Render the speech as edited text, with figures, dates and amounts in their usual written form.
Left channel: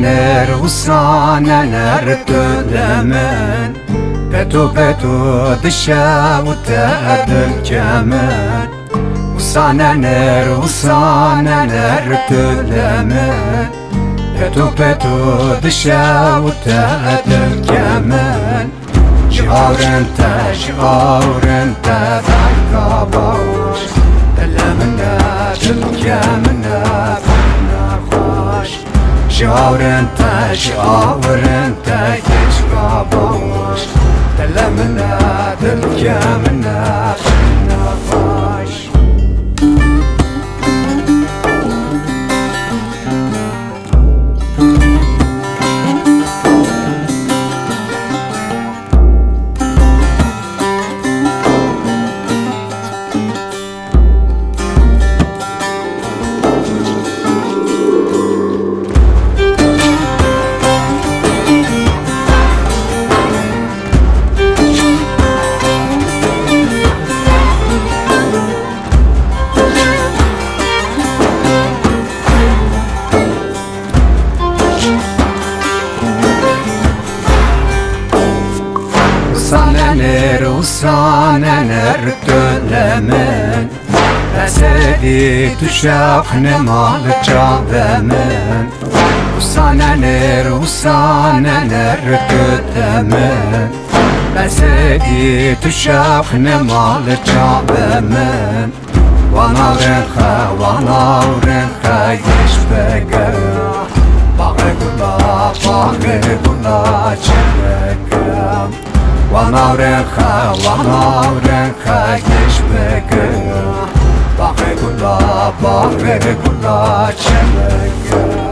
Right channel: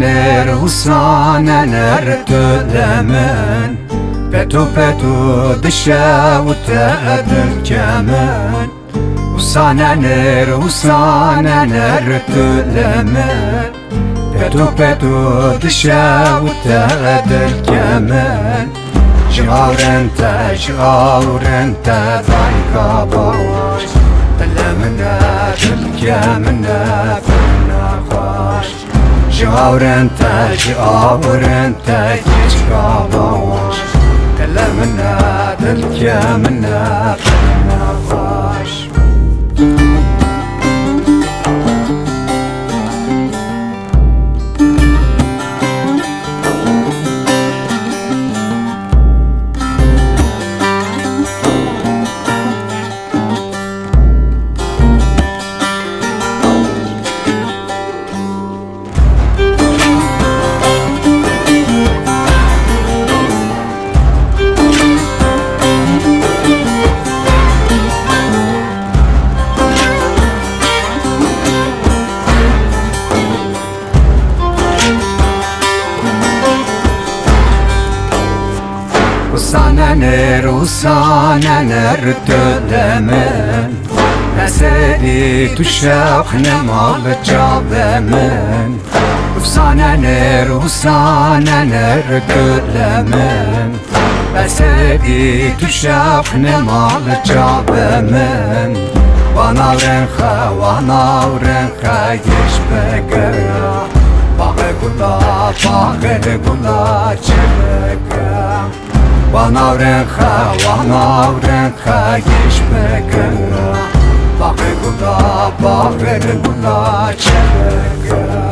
neler usaneler dölemen Betu dışa utedül kemen usaneler dölemen Betu dışa utedül kemen Şiarente Zayka baş Elemine dülkemine fena hoş Şiarente Yeşka baş Elemine dülkemine fena hoş Usaneler dölemen Esedi düşefne malı cabemen Usaneler dölemen Esedi düşefne malı cabemen Vana renha yeşbegera Bağı gula çelekam Vana renha yeşbegera Bağı gula çelekam